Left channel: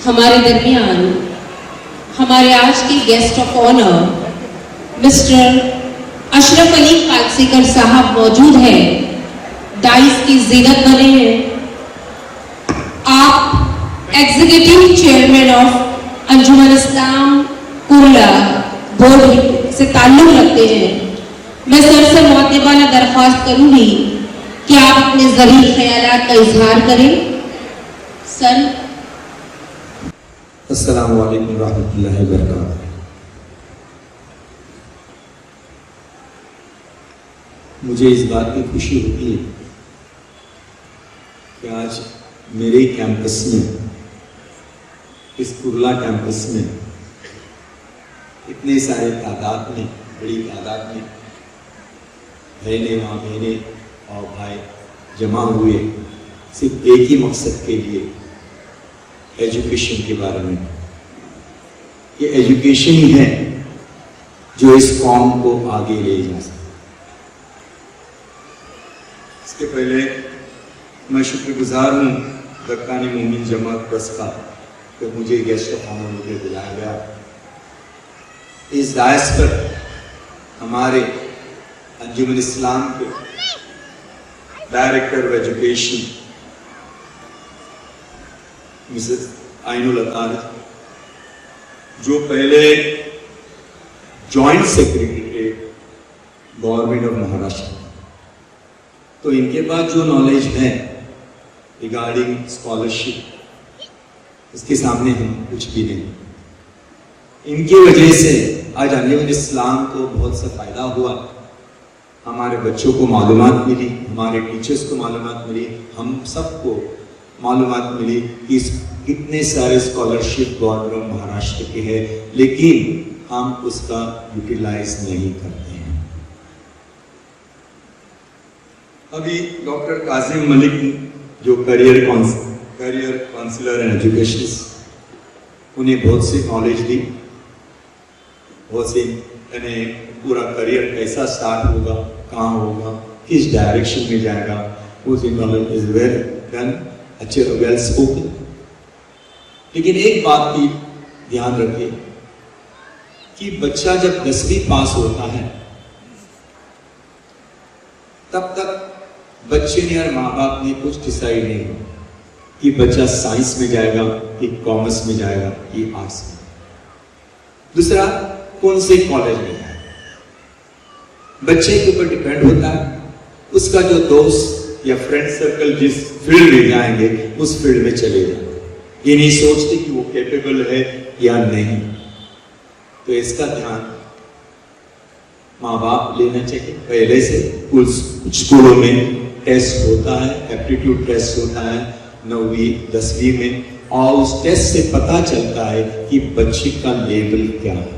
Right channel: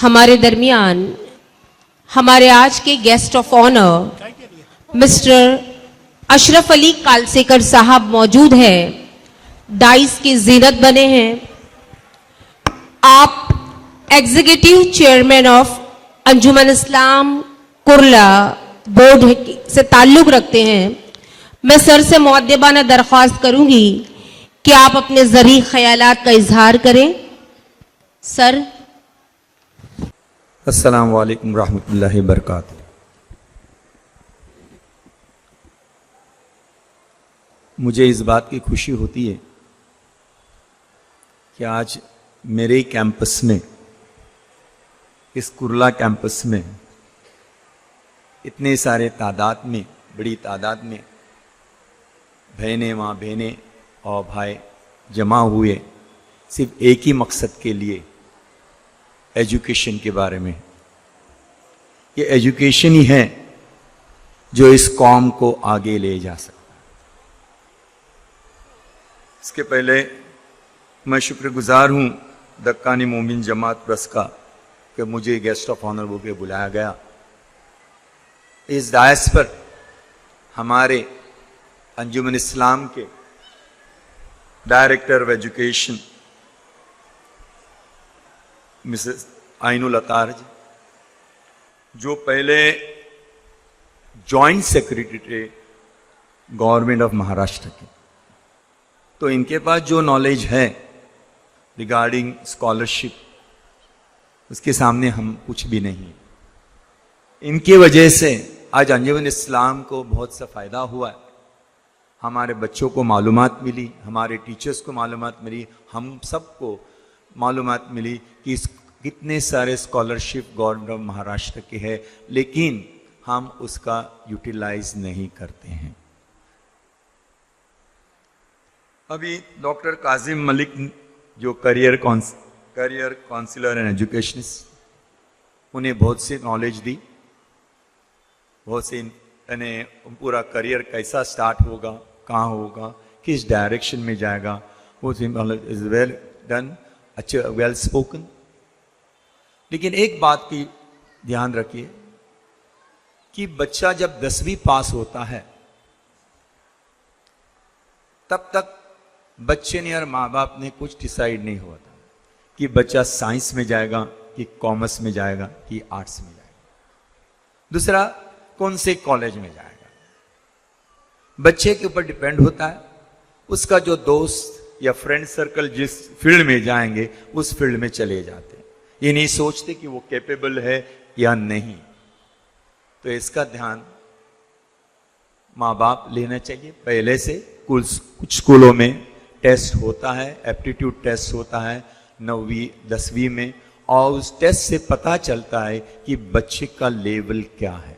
हमारे दरमियान हमारे आज के guest of honour mister Ashraf Ali Kalsekar साहब मौजूद हैं, डाइस की जीनत बने हैं। आप executive chairman of Anjuman Islam Kurla board से ताल्लुक रखते हैं। मैं सर से मुअद्दिबाना दरख्वास्त करूंगी कि आप अपने ज़रीफ़ ख्यालात का इजहार करें। सर। अस्सलामु अलैकुम रहमतुल्लाहि व बरकातुहू। मुझे इस बात की खुशी होती है कि आज मेरे ही कैंपस में, इस कुर्ला कैंपस में इतने सारे तादाद में, बड़ी तादाद में बहनें और भाई जमा हुए सिर्फ एक ही मकसद के लिए, एजुकेशन के बारे में। ये एजुकेशन ही है जो इस कौम को आगे ले जा सकता। इसके पहले मैं शुक्रगुजार हूँ दक्कानी मोमिन जमात ट्रस्ट का कि मुझे गेस्ट ऑफ ऑनर होकर बुलाया गया। इस दायस पर हमारे अंजुमन इस्लाम के director of education Mrs Ainul Attar, जो पहले जॉइंट सेक्रेटरी थे गवर्नमेंट ऑफ महाराष्ट्र, तो इनके पास जो नॉलेज है रिगार्डिंग स्कॉलरशिप, उसके सामने हम कुछ भी नहीं। इनकी वजह से आज अंजुमन इस्लाम को बहुत सा फायदा हुआ। हमारे बच्चों को मालूमात मिली, हमारे टीचर्स को मालूमात मिली, हम सबको मालूमात मिली कि इतने सारे स्कॉलरशिप गवर्नमेंट ऑफ महाराष्ट्र के है, लेकिन हम उसका यूटिलाइज नहीं करते हैं। अभी डॉक्टर काजिम मलिक जो करियर काउंसलर एंड एजुकेशन, उन्हें बहुत सी नॉलेज दी, बहुत सी पूरा करियर कैसा स्टार्ट होगा, कहाँ होगा, किस डायरेक्शन में जाएगा, वो नॉलेज इज वेल डन, अच्छे वेल स्पोकन। लेकिन एक बात की ध्यान रखिए कि बच्चा जब 10वीं पास होता है तब तक बच्चे ने और माँ बाप ने कुछ डिसाइड नहीं हुआ कि बच्चा साइंस में जाएगा, कि कॉमर्स में जाएगा, कि आर्ट्स में, दूसरा कौन से कॉलेज में जाएगा। बच्चे के ऊपर डिपेंड होता है, उसका जो दोस्त या फ्रेंड सर्कल जिस फील्ड में जाएंगे उस फील्ड में चले जाएंगे। ये नहीं सोचते कि वो कैपेबल है या नहीं। तो इसका ध्यान माँ बाप लेना चाहिए पहले से। कुछ स्कूलों में टेस्ट होता है, एप्टीट्यूड टेस्ट होता है 9वीं 10वीं में, और उस टेस्ट से पता चलता है कि बच्चे का लेवल क्या है,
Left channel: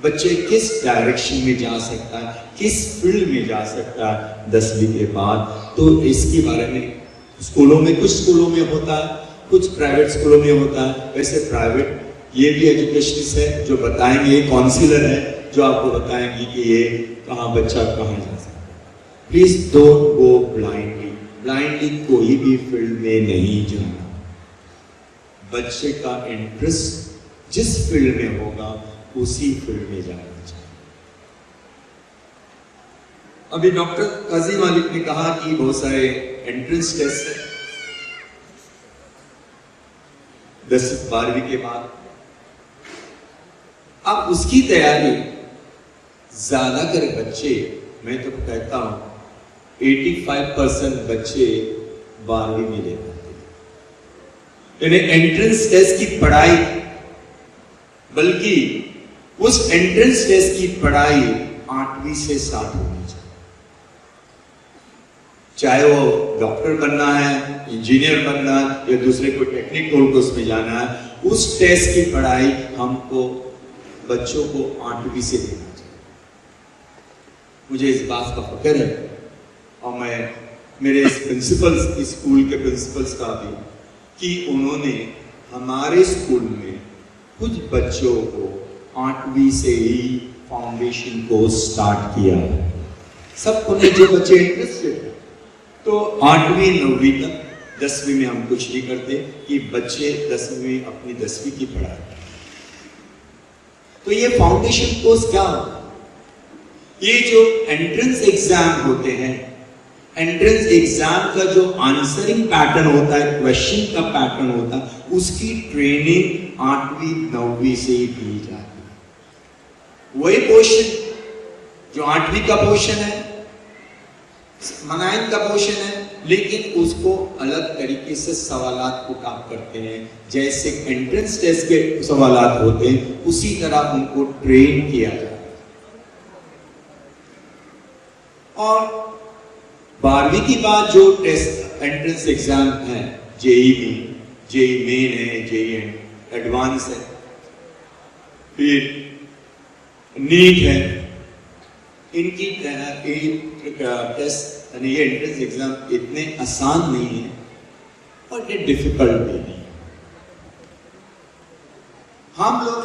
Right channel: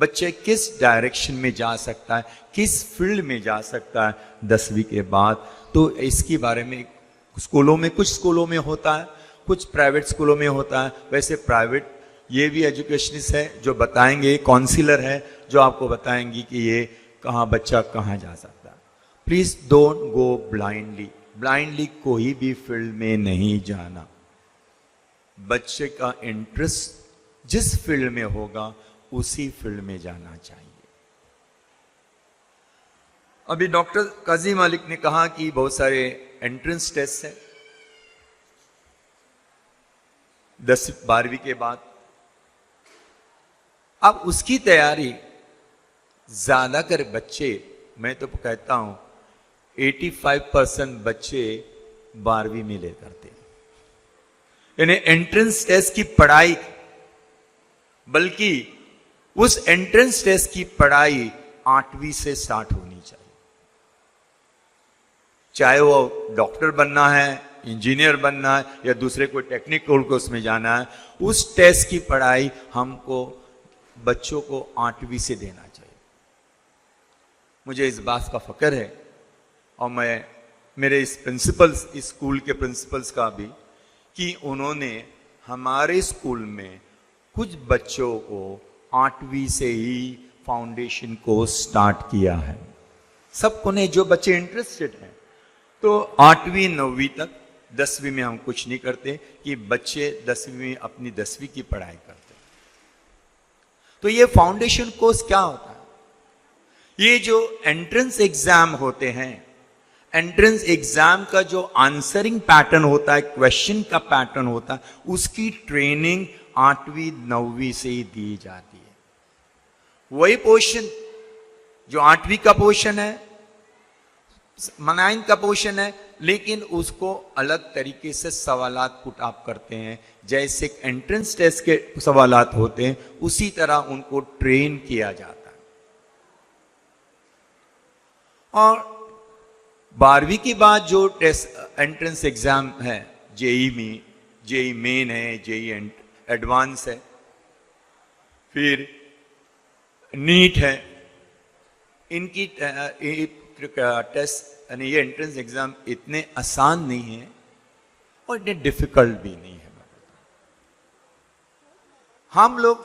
बच्चे किस डायरेक्शन में जा सकता है, किस फील्ड में जा सकता है 10वीं के बाद। तो इसके बारे में स्कूलों में, कुछ स्कूलों में होता है, कुछ प्राइवेट स्कूलों में होता है। वैसे प्राइवेट ये भी एजुकेशनिस्ट है जो बताएंगे, काउंसलर है जो आपको बताएंगे कि ये कहाँ बच्चा कहाँ जा सकता है। प्लीज डोंट गो ब्लाइंडली कोई भी फील्ड में नहीं जाना। बच्चे का इंटरेस्ट जिस फील्ड में होगा उसी फील्ड में जाना चाहिए। अभी डॉक्टर काजिम मलिक ने कहा कि बहुत सारे एंट्रेंस टेस्ट है 10-12वीं के बाद। अब उसकी तैयारी ज्यादा करे बच्चे, मैं तो कहता हूं 85% बच्चे 12वीं में ले जाते हैं, यानी एंट्रेंस टेस्ट की पढ़ाई, बल्कि उस एंट्रेंस टेस्ट की पढ़ाई 8वीं से स्टार्ट होनी चाहिए। चाहे वो डॉक्टर बनना है, इंजीनियर बनना है, या दूसरे कोई टेक्निकल कोर्स में जाना है, उस टेस्ट की पढ़ाई हमको बच्चों को 8वीं से देना चाहिए। मुझे इस बात का फख्र है, और मैं मेरे इस प्रिंसिपल्स, स्कूल के प्रिंसिपल्स का भी, कि उन्होंने हमारे स्कूल में कुछ बच्चों को 8वीं से ही फाउंडेशन को स्टार्ट किया है। सब उन्हें जो बच्चे इंटरेस्टेड है, तो 8वीं 9वीं तक 10वीं में हम कुछ नहीं करते कि बच्चे 10वीं में अपनी 10वीं की पढ़ाई करते। तो ये फाउंडेशन कोर्स क्या होता है? ये जो एंट्रेंस एग्जाम होते हैं, एंट्रेंस एग्जाम का जो आंसरिंग पैटर्न होता है, क्वेश्चन का पैटर्न होता है, उसकी ट्रेनिंग 8वीं 9वीं से ही दी जाती है। वही क्वेश्चन जो 8वीं का पोर्शन है, 9th का पोर्शन है, लेकिन उसको अलग तरीके से सवालात को काम करते हैं। जैसे एंट्रेंस टेस्ट के सवालात होते हैं, उसी तरह उनको ट्रेन किया जाता है। और 12वीं की बाद जो टेस्ट एंट्रेंस एग्जाम है, जेई मेन है, जेई एडवांस है, फिर नीट है, इनकी टेस्ट ये एंट्रेंस एग्जाम इतने आसान नहीं है और इतने डिफिकल्ट भी नहीं है। हम लोग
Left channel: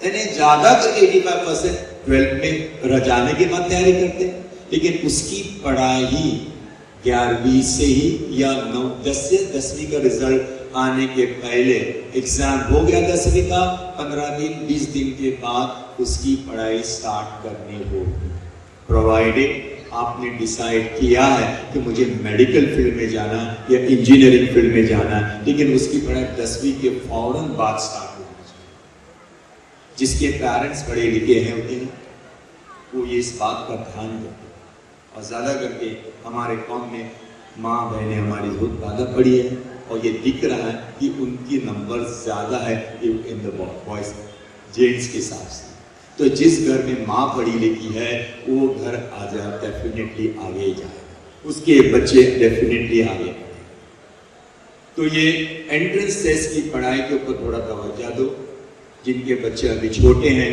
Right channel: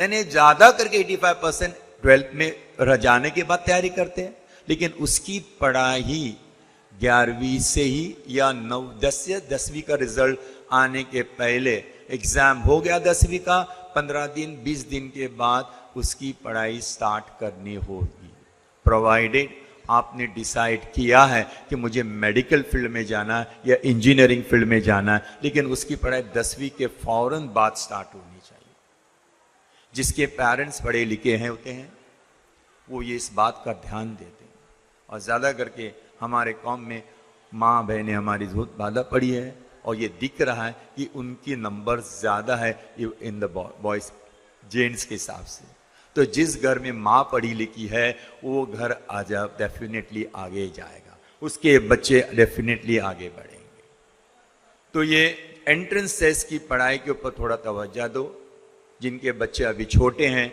यानी ज्यादा करके 85% 12th में रह जाने के बाद तैयारी करते हैं, लेकिन उसकी पढ़ाई 11वीं से ही या 10वीं का रिजल्ट आने के पहले, एग्जाम हो गया 10वीं का, 15 दिन 20 दिन के बाद उसकी पढ़ाई स्टार्ट करनी होगी, प्रोवाइडेड आपने डिसाइड किया है कि मुझे मेडिकल फील्ड में जाना है या इंजीनियरिंग फील्ड में जाना है, लेकिन उसकी पढ़ाई 10वीं के फौरन बाद स्टार्ट होगी। जिसके पेरेंट्स पढ़े लिखे हैं होते हैं, वो ये इस बात का ध्यान देते हैं। और ज्यादा करके हमारे कौम में माँ बहनें हमारी बहुत ज्यादा पढ़ी है, और ये दिख रहा है कि उनकी नंबर ज्यादा है इन द बॉयज जेंट्स के हिसाब से। तो जिस घर में माँ पढ़ी लिखी है, वो घर डेफिनेटली आगे जाएगा, उसके बच्चे डेफिनेटली आगे बढ़ेंगे। तो ये एंट्रेंस टेस्ट की पढ़ाई के ऊपर थोड़ा तवज्जो दो। जिनके बच्चे अभी छोटे हैं,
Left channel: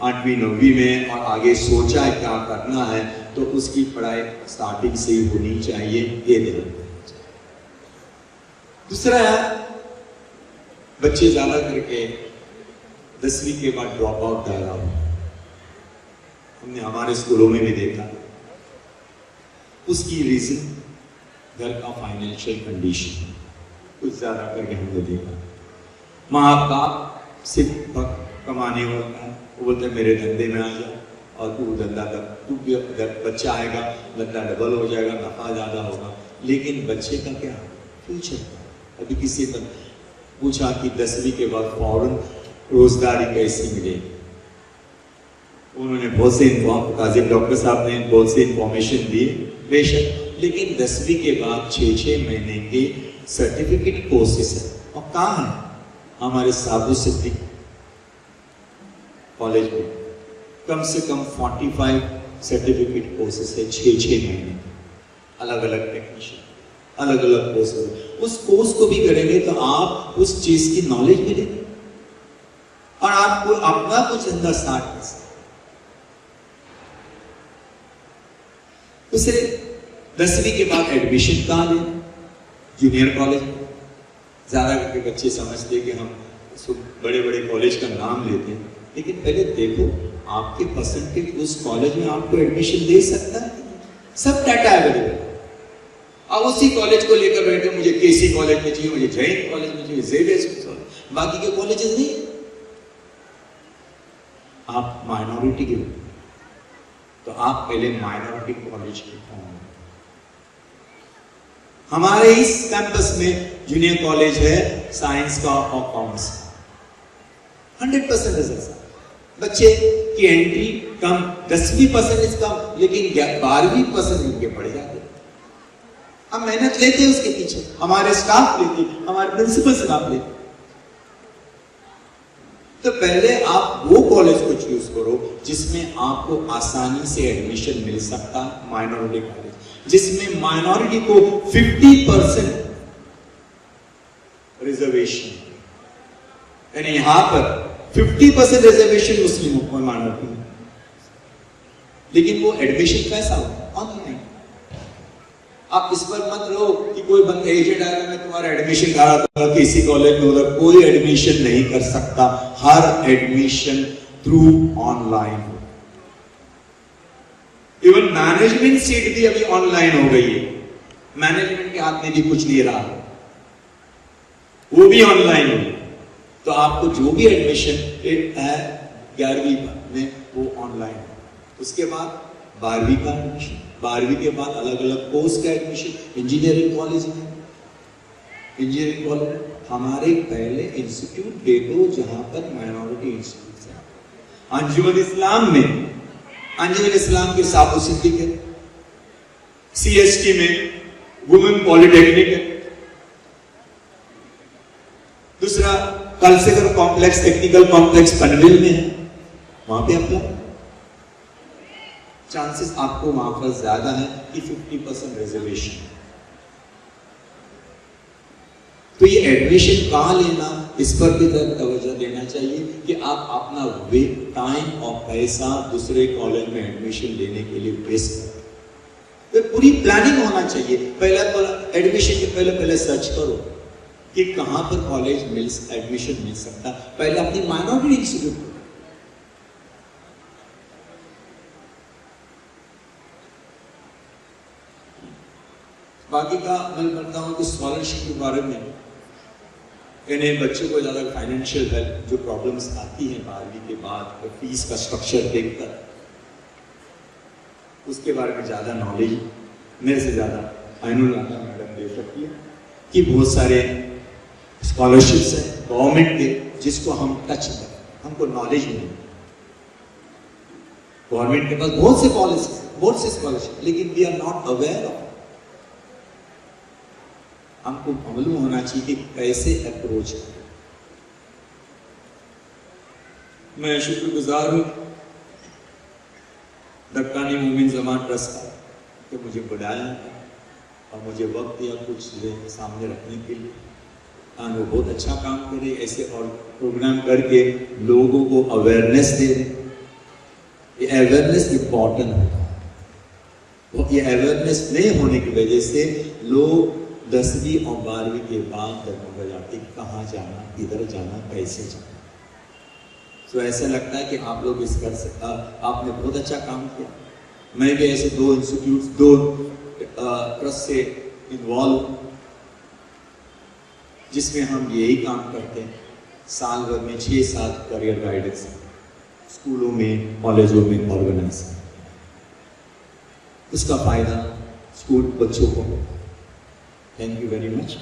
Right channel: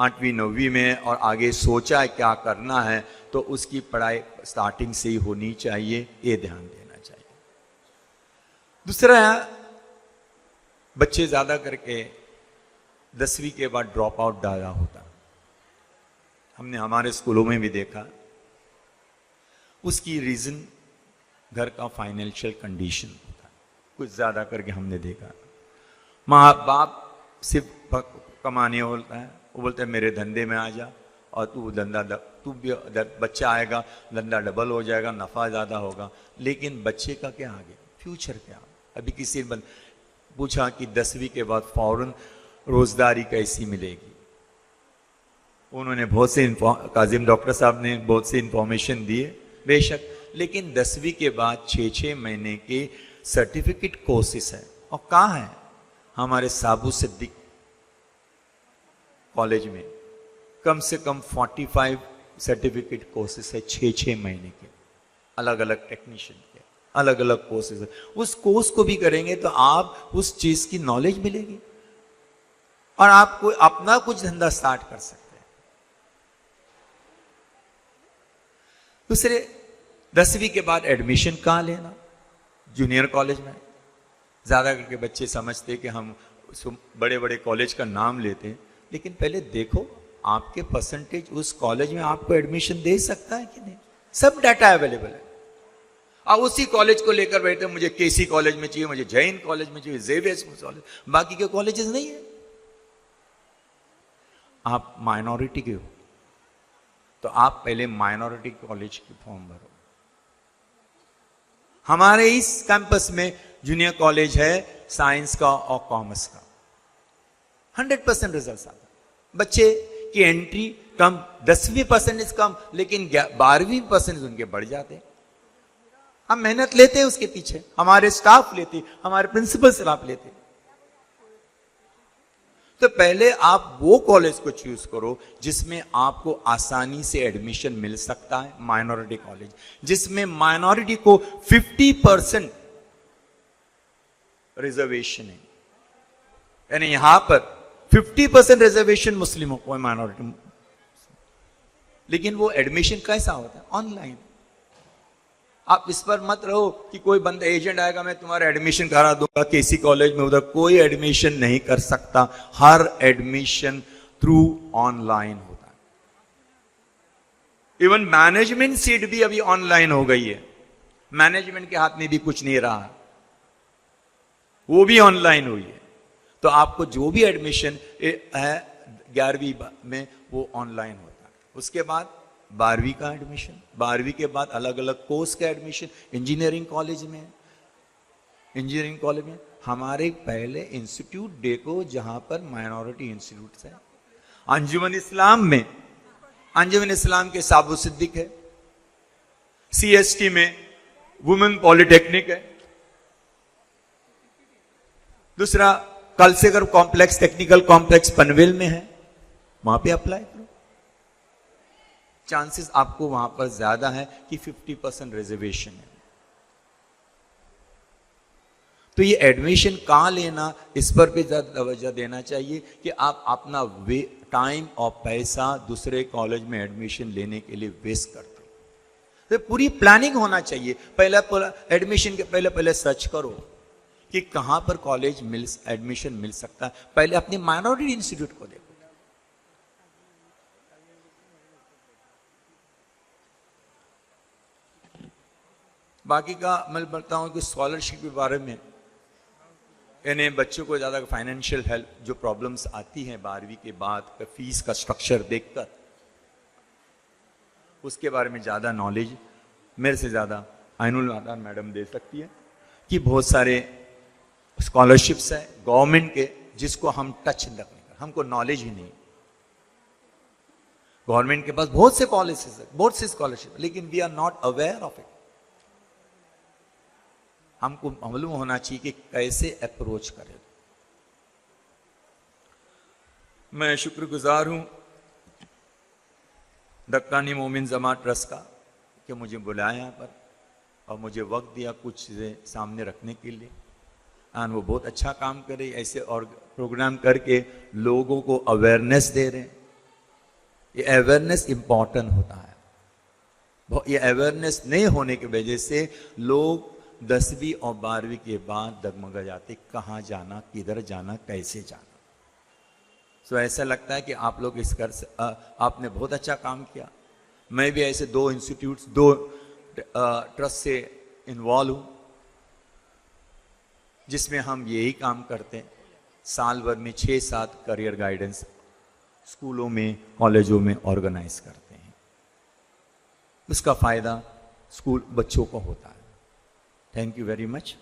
8वीं 9वीं में, और आगे सोचा है क्या करना है, तो उसकी पढ़ाई स्टार्टिंग से ही होनी चाहिए, ये ध्यान देना चाहिए। दूसरा है, बच्चे ज्यादा करके 10वीं के बाद ड्रॉप आउट डाला होगा। हमने हमारे स्कूलों में भी देखा, उसकी रीजन घर का फाइनेंशियल कंडीशन कुछ ज्यादा करके हमने देखा। माँ बाप सिर्फ कमाने होता है, बोलते हैं मेरे धंधे में आ जा, और तू बच्चा आएगा, धंधा डबल हो जाएगा, नफा ज्यादा होगा, लेकिन बच्चे का क्या फ्यूचर क्या? अभी किसी ने पूछा कि 10वीं के बाद फौरन रोजगारी कैसी मिलेगी, उन्होंने बहुत से काजिम डॉक्टर साहब ने बहुत से इंफॉर्मेशन दी, बेशक, लेकिन 10वीं के बाद 6-6 महीने के सर्टिफिकेट कोर्सेस है। और कहाँ है? हमारे साधु सिद्धि कॉलेज में कम से कम 45 सर्टिफिकेट कोर्सेस है, 6-6 महीने, अलग अलग टेक्नीशियन, अलग अलग कोर्सेस। उस कोर्स को भी करेंगे तो आप उस चीज की नॉलेज मिलेगी और आपको अपना कुछ धंधा स्टार्ट कर सकते। उसे 10वीं के बाद एडमिशन कहाँ लेना? जूनियर कॉलेज में। ज्यादा करके बच्चे समझते कि हम बड़े बड़े कॉलेज का नाम लेते हैं, लेकिन पहले देखो आपके परसेंटेज उस कॉलेज में आपको एडमिशन ले सकता है। सब डाटा अवेलेबल। आप उसी कॉलेज को लेकर बैठे, मुझे केसी कॉलेज में चाहिए, मुझे जैन कॉलेज में चाहिए, जेवियर कॉलेज, बाकी के कॉलेजेस नहीं। आप माइनॉरिटी के हो तो आप पहले माइनॉरिटी कॉलेज के फॉर्म भरो। हमारे इस कैंपस में जूनियर कॉलेज है साइंस का और कॉमर्स, 100% रिजल्ट। बच्चे की एंट्री कम, 10वीं परसेंटेज कम, लेकिन 12वीं परसेंट इनके बढ़ जाते। हम मेहनत लेते हैं उसके पीछे, हमारे स्टाफ लेते, हमारे प्रिंसिपल स्टाफ लेते। तो पहले आप वो कॉलेज को चूज करो जिसमें आपको आसानी से एडमिशन मिल सकता है, माइनॉरिटी कॉलेज, जिसमें माइनॉरिटी को 50% रिजर्वेशन, यानी यहां पर 50% रिजर्वेशन मुस्लिमों को, माइनॉरिटी में। लेकिन वो एडमिशन कैसा हो? ऑनलाइन। आप इस पर मत रहो कि कोई बंदा एजेंट आएगा, मैं तुम्हारा एडमिशन करा दूंगा किसी कॉलेज में, उधर कोई एडमिशन नहीं कर सकता। हर admission through online. Even management seat भी अभी ऑनलाइन हो गई है। मैनेजमेंट के हाथ में भी कुछ नहीं रहा, वो भी ऑनलाइन होगी। तो आपको जो भी एडमिशन है 11वीं में वो ऑनलाइन होगा। उसके बाद 12वीं का एडमिशन, 12वीं के बाद अलग अलग कोर्स का एडमिशन। इंजीनियरिंग कॉलेज में, इंजीनियरिंग कॉलेज में हमारे पहले इंस्टीट्यूट देखो जहां पर माइनॉरिटी इंस्टीट्यूट है। अंजुमन इस्लाम में, अंजुमन इस्लाम के साबु सिद्दीक है, CST में वुमेन पॉलिटेक्निक है, दूसरा Kalsekar complex, technical complex Panvel में है, वहां पे अप्लाई। चांसेस आपको वहां पर ज्यादा है कि 50% रिजर्वेशन है। तो ये एडमिशन कहां लेना, इस पर भी तवज्जो देना चाहिए कि आप अपना टाइम और पैसा दूसरे कॉलेज में एडमिशन लेने के लिए वेस्ट करते। तो पूरी प्लानिंग होना चाहिए। पहला एडमिशन के पहले सर्च करो कि कहां पर कॉलेज एडमिशन मिल सकता है। पहले अपनी माइनॉरिटी इंस्टीट्यूट पर, बाकी का मैं बोलता हूं कि स्कॉलरशिप के बारे में, यानी बच्चों को ज्यादा फाइनेंशियल हेल्प जो प्रॉब्लम्स आती हैं 12वीं के बाद, फीस का स्ट्रक्चर देखकर उसके बारे में ज्यादा नॉलेज मेरे से ज्यादा आइनुल नागर मैडम दे सकती है कि बहुत सारे स्कॉलरशिप्स हैं गवर्नमेंट के जिसको हम टच कर, हमको नॉलेज नहीं। गवर्नमेंट के पास बहुत से कॉलेज, बहुत से स्कॉलरशिप, लेकिन we are not aware of. हमको मालूम होना चाहिए कि कैसे अप्रोच करें। मैं शुक्रगुजार हूं दक्कानी मोमिन जमान ट्रस्ट का कि मुझे बुलाया और मुझे वक्त दिया कुछ चीजें सामने रखने के लिए। वो बहुत अच्छा काम कर रही है, ऐसे और प्रोग्राम करके लोगों को अवेयरनेस दे रहे। ये अवेयरनेस इम्पॉर्टेंट होता है। ये अवेयरनेस नहीं होने की वजह से लोग 10वीं और 12वीं के बाद डगमगा जाते, कहाँ जाना, किधर जाना, कैसे जाना। तो ऐसा लगता है कि आप लोग आपने बहुत अच्छा काम किया। मैं भी ऐसे 2 इंस्टीट्यूट, 2 ट्रस्ट से इन्वॉल्व हूँ जिसमें हम यही काम करते हैं। साल भर में 6 साल करियर गाइडेंस स्कूलों में, कॉलेजों में ऑर्गेनाइज करते हैं। उसका फायदा स्कूल बच्चों को होता है। Thank you very much.